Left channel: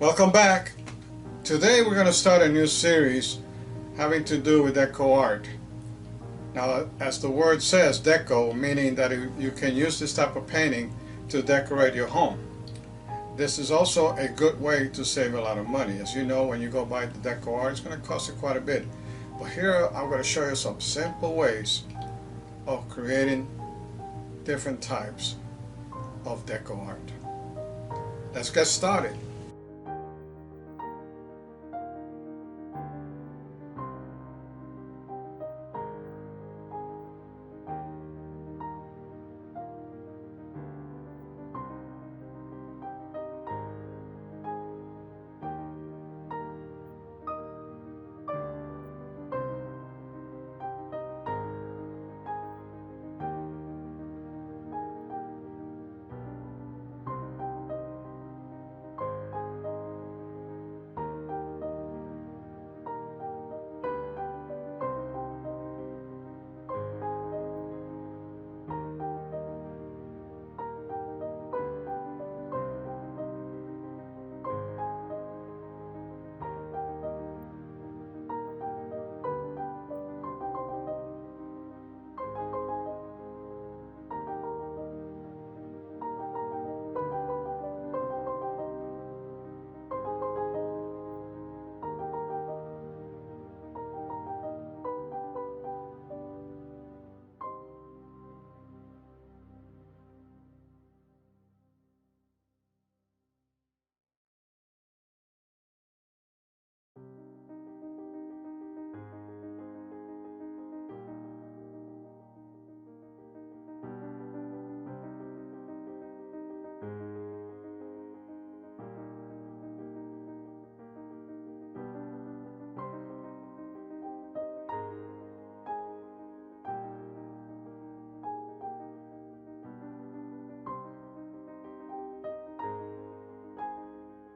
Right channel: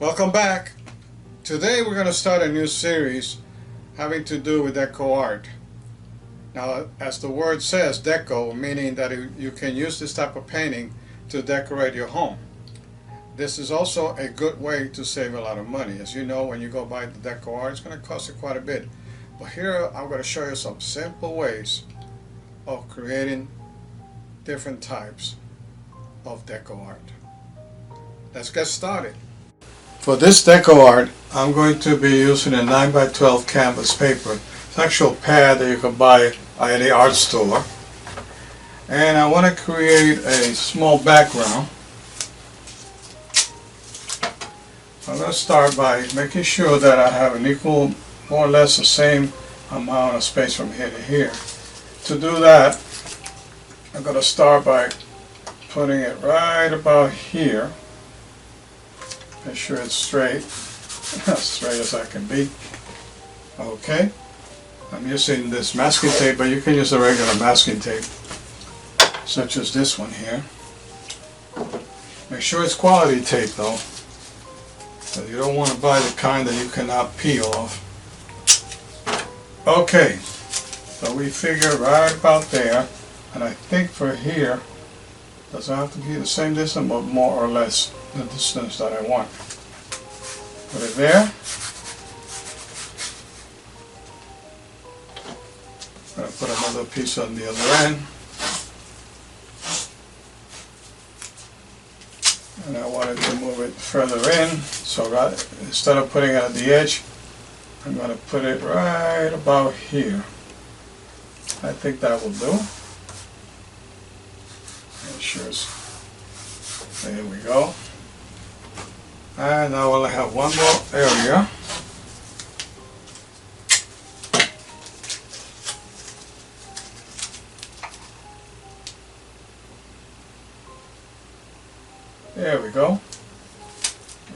Welcome back. Today we're going to start a new series having to do with deco art. Now, as the word says, deco, meaning that you can use this type of painting to decorate your home. This is also a good way to save a lot of money. As you know, when you go buy the deco art, it's going to cost you quite a bit. But here I'm going to show you some simple ways of creating different types of deco art. Let's get started. For this deco art, I'm going to be using a 9x12 canvas paper. It's an actual pad that you can buy at any art store. And I want to create a small background. I'm going to start by making sure that I have an equal, more or less the same amount of space from here to here. To do that, I'm going to start by putting it right about here. Make sure it's straight, as straight as I can be. Okay, I'm using this masking tape, but you can use a regular masking tape, such as this one here. Make sure it's quality tape though, because you don't want to buy the kind that you cannot peel off. Okay, so we figure right about there, and I think for here, doesn't have to be the same distance, but more or less the distance that I want. Put it there. I'm going to put another piece on the other end. And I wanted to move it further in, so instead of putting it at the edge, I'm going to put it right about here. I think that will do. There we go. And now we'll have one more area. There we go.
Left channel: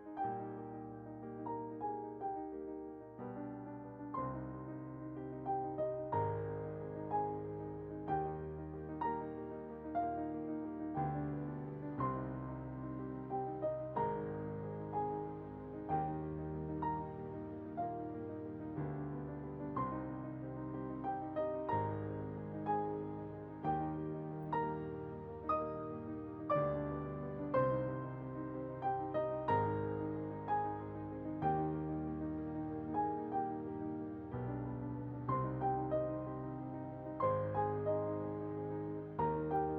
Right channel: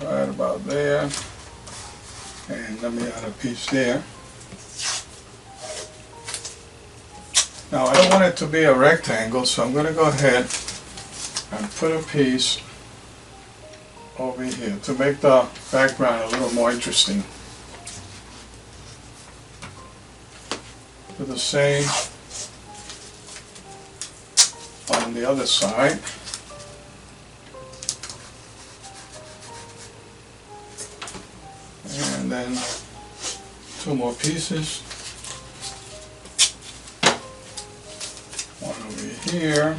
Right about there. And let me add a piece there. Now I don't want it to be a rectangle, so I'm going to go ahead and put a piece over here to make the background a little more interesting. Do the same on the other side. And then two more pieces. One over here.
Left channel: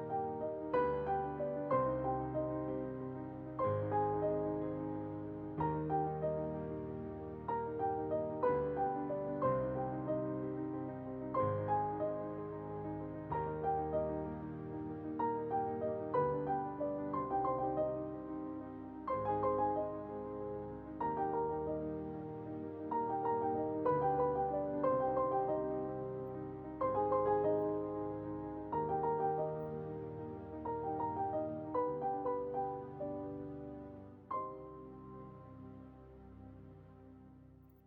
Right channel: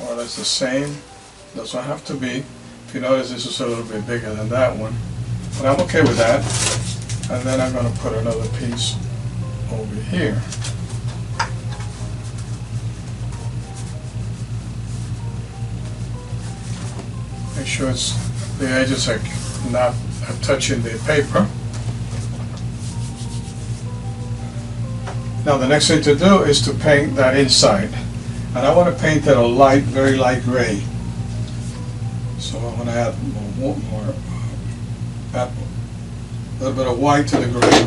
More or less the same. Doesn't have to be. If you notice, this is a little bit bigger than that one, but I'm okay with that. And then I'm going to put another piece over here. Make sure the edges are not touching the paper. Now the next thing to do is to paint that inside. And I want to paint it a light, very light gray. So I'm going to add add a little bit of white to the gray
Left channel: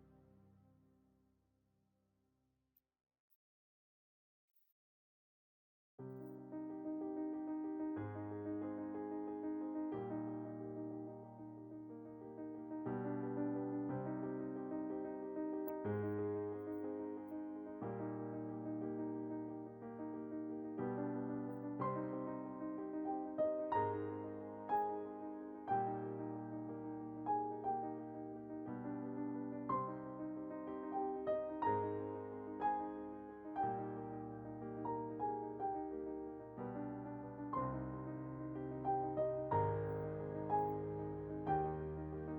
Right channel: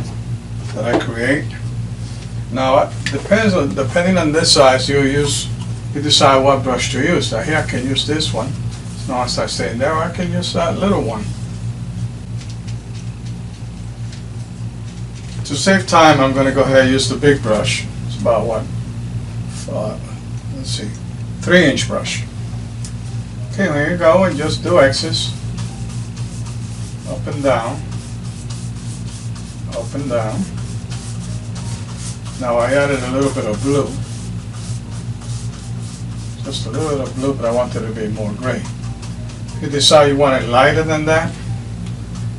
that I create. Now it depending on this size, you decide what brush to use. Now here I can use this one. So now as I stay in there, I can use that little one. To save time, I'm going to go ahead and use the big brush. It's about what? Let's see, 3-inch brush. Okay, here you go, and just do X's. Up and down. Up and down. Now I added a little bit of blue. Just a little bit of blue, but I want it to be more gray. If you decide you want it lighter than that,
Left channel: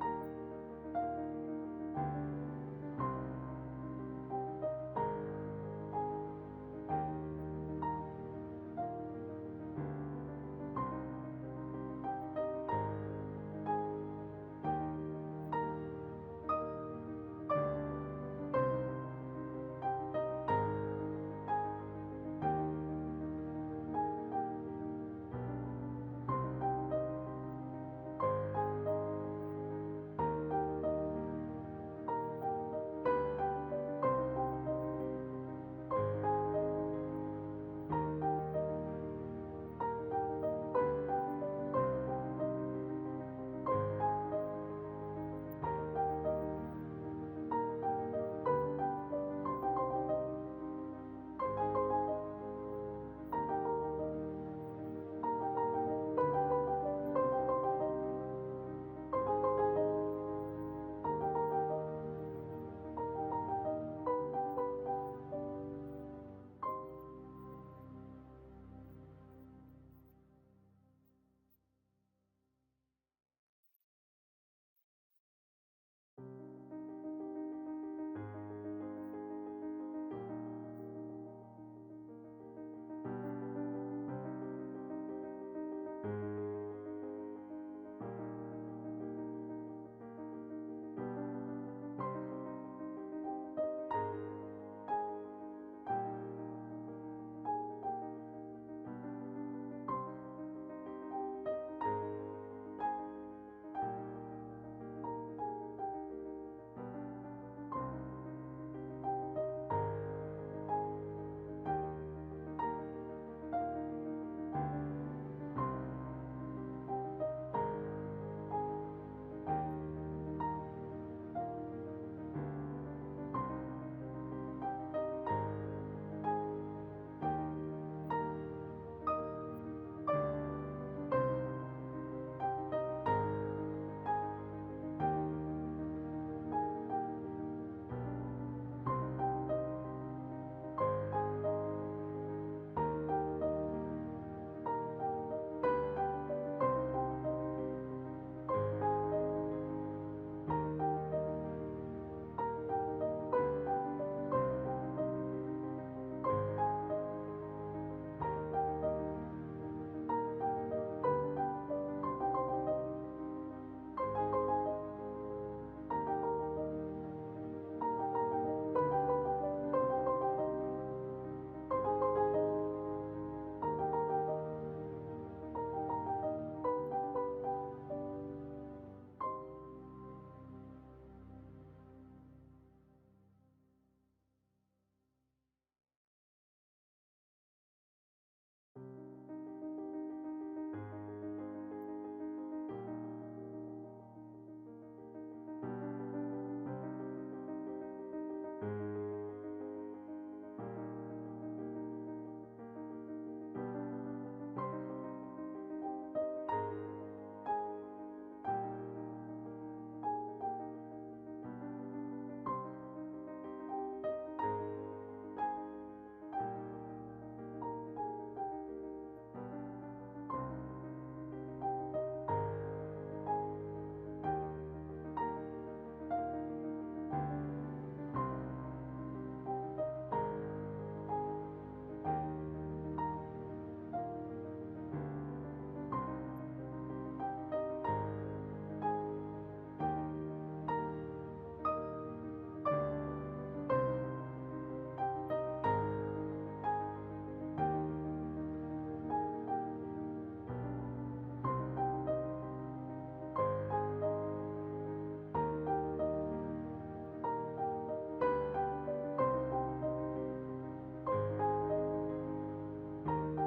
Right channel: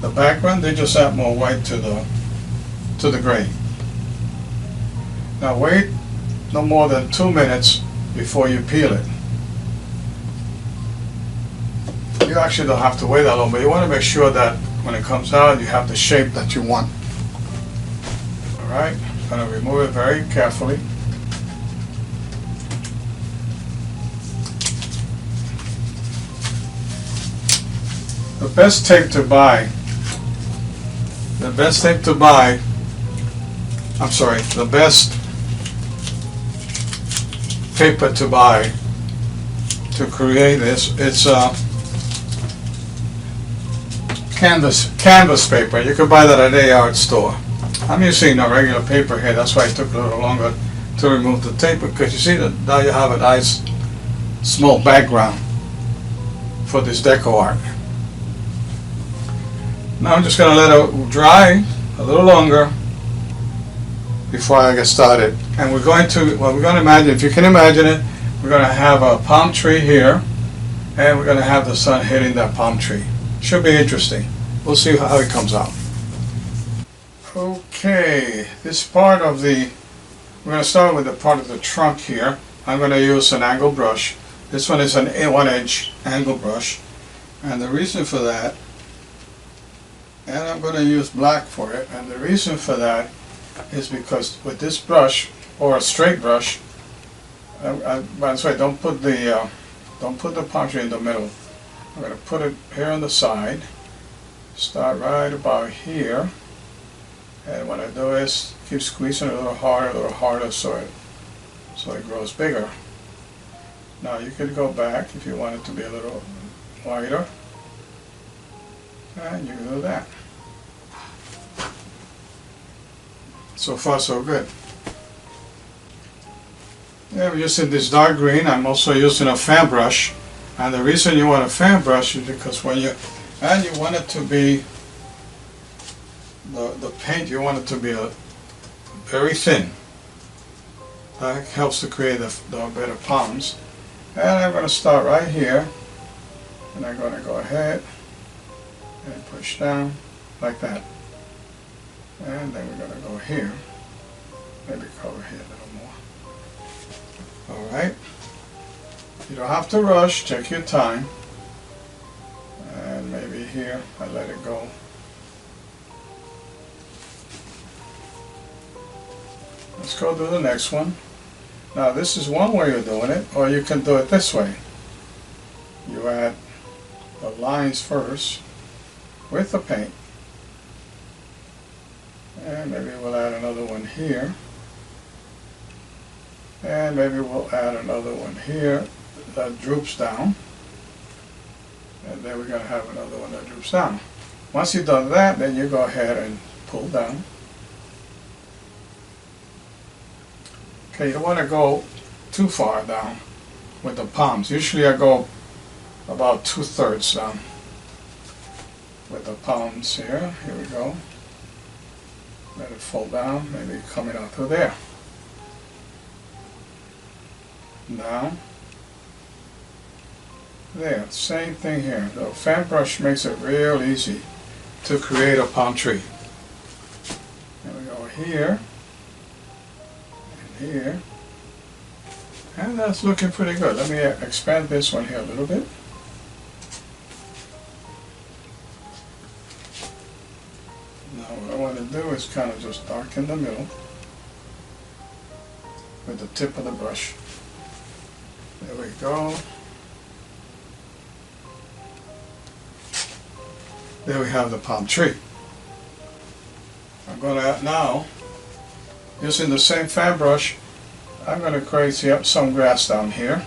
the background, they just add more white to the gray. Now wait no more than 2 minutes before you peel it. You actually don't have to wait that long, but you want to make sure that when it comes out, you have the shape that you want. Alright, I'm going to remove it very carefully. The best tape to buy, the best paper to buy to create this, canvas paper. You can buy that at a art store. I'm using a regular paper here. That's why it took a little longer to remove the tape, because you see that now you have a nice small background for this deco art. Now I'm just going to let it dry a little longer before I get started. And we're going to imagine, if you can imagine it, we're going to have a palm tree here, and we're going to have the sun hitting that palm tree. Should be interesting. We'll see how it comes out. Okay, this part of we're going to start with the part of the trunk here. I'm going to use an angle brush. This one is an 1-inch angle brush, and the reason for that, and I'm going to use black for it, and the reason for that is because with this brush, or a straight brush, by the way, don't put the palm tree in the middle. I'm going to put it here on the side, start right about here, and what I do is keep squeezing it a little harder so it grows bigger. Now you could go back if you want it to be a little wider, and you can do that. So far so good. Yeah, we're using this dark green. I'm also using a fan brush, and the reason you want a fan brush is because when you want it to be the paint, you want it to be very thin. That helps to create the better palms. And I'm going to start right here, and I'm going to go ahead and push down like that. And then we're going to go here, maybe cover here a little more. Alright, you don't have to rush, take your time. And maybe here, I let it go. Let's go do the next one. Now this is one way of doing it, or you can do it this way. You add the lines first with the paint. And maybe we'll add another one here. And maybe we'll add another one here that droops down. And then we're going to have another one that droops down. Once you've done that, then you go ahead and pull down. Okay, you don't want to go too far down with the palms. Usually I go about 2/3 down with the palms here. Here we go. Let it fall down, maybe coming out through there. Down. There, same thing here. The fan brush makes it real easy to create a palm tree. And we go here, and here. And that's looking pretty good. Let me expand this one here a little bit. What I want to do is kind of just darken the middle with the tip of the brush. There we go. There we have the palm tree. I'm going to now, using the same fan brush, I'm going to create some grass down here.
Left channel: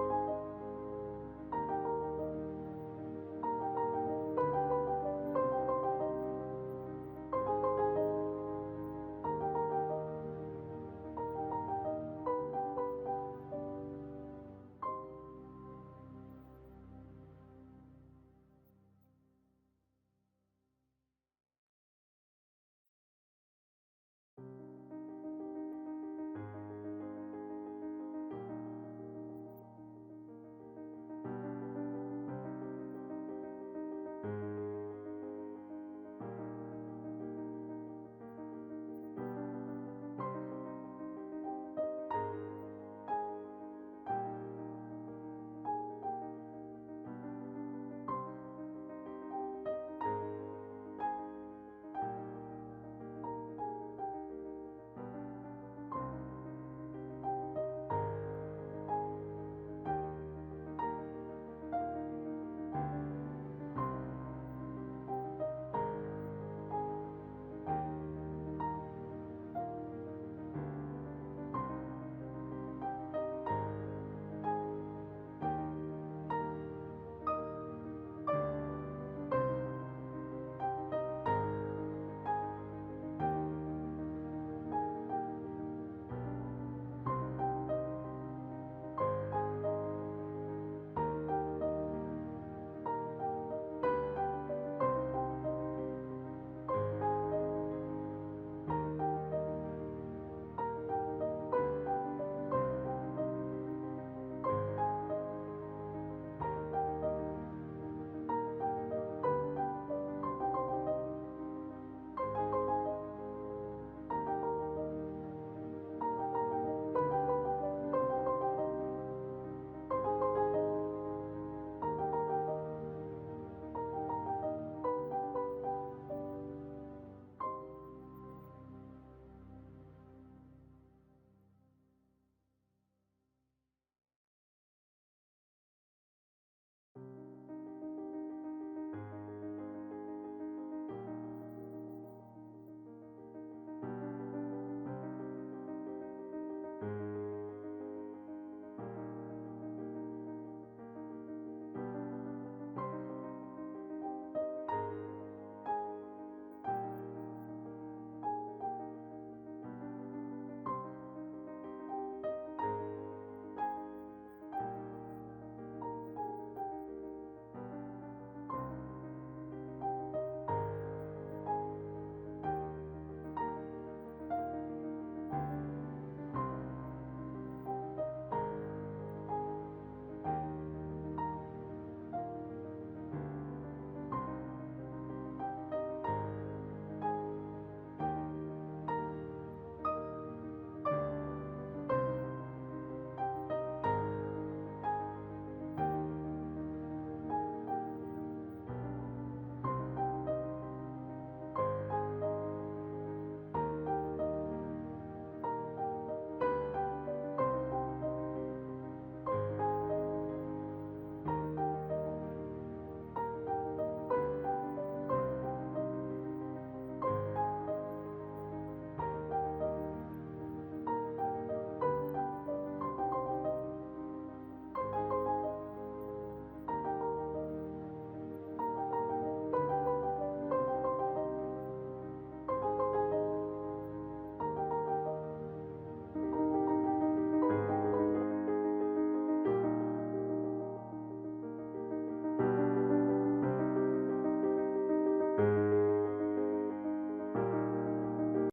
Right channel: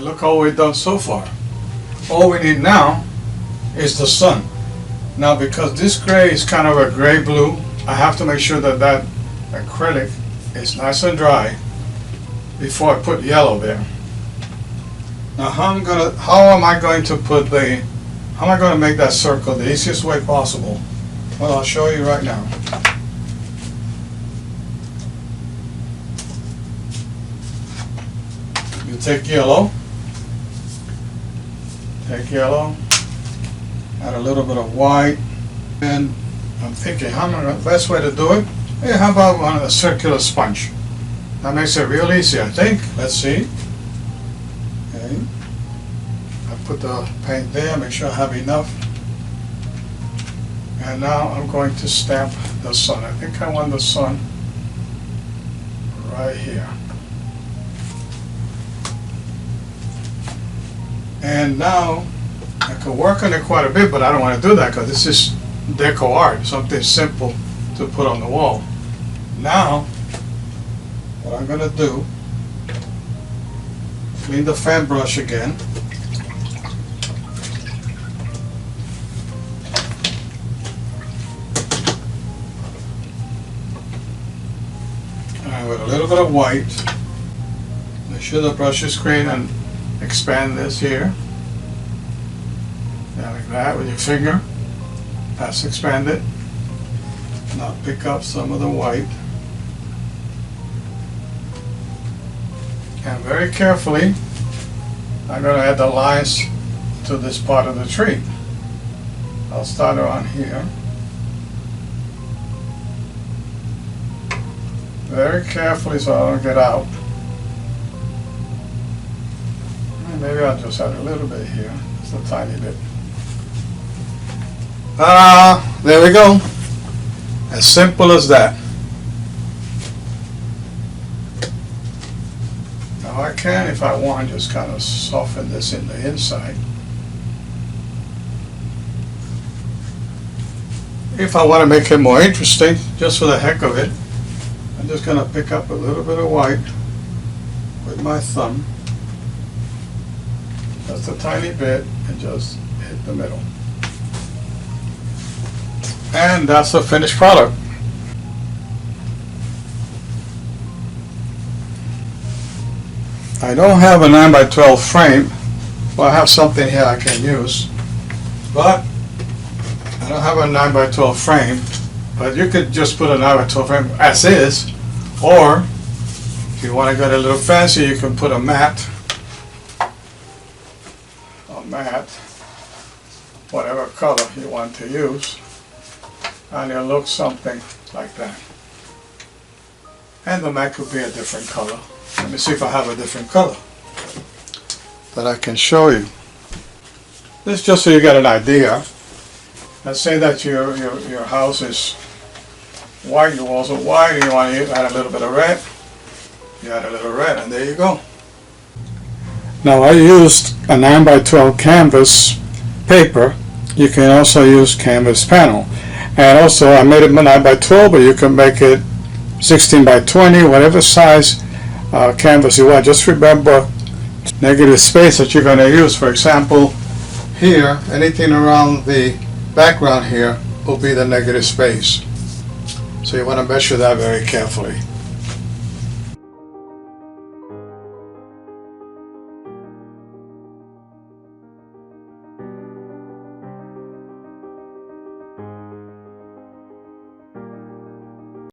Look how we've done so far. All we need now is the sun. Now because this gray is kind of a gray blue, I have to make sure that that acrylic is nice and dry before I put yellow there. Now how am I going to make that circle the easiest way possible? Well, I'll show you right now. You take yellow, add a little bit of white, and I'm thinking, the best way to do it? Hey, how about a circular sponge? That makes it real easy, I think. Let's see. Okay. I put the paint there, make sure I have enough. And now I'm going to stamp the sun. I think I want the sun right here. And now I could work on it quite a bit, but I don't want to do that because this is deco art, something simple to put on the wall. Now, what I'm going to do, clean the fan brush again. And with a little bit of white, make sure the brush is clean and expand this here. Like that with your finger. That's expanded. Now pick up some of the white. And very carefully, I'm going to add the lines to this part of the tree. I'll start around here. Very carefully so I don't get out. And maybe I'll just add a little bit here, just a tiny bit. There we go. As simple as that. Now I can, if I want, just kind of soften this in the inside. If I want to make it more interesting, just for the heck of it, I'm just going to pick up a little bit of white with my thumb, just a tiny bit, and just hit the middle. And that's the finished product. I don't have a 9x12 frame. Well, I have something here I can use, but I don't have a 9x12 frame. But you could just put a 9x12 frame as is, or if you want to get a little fancy, you can put a mat, whatever color you want to use, and it'll look something like that. And the mat could be a different color. Let me see if I have a different color that I can show you. This is just so you get an idea. Let's say that your house is white, your walls are white, and you want to add a little bit of red. You add a little red, and there you go. Now I used a 9x12 canvas paper. You can also use canvas panel. And also I made it 9x12, but you can make it 16x20, whatever size canvas you want. Just remember negative space that you're going to use. For example, here, anything around the background here will be the negative space. So you want to measure that very carefully.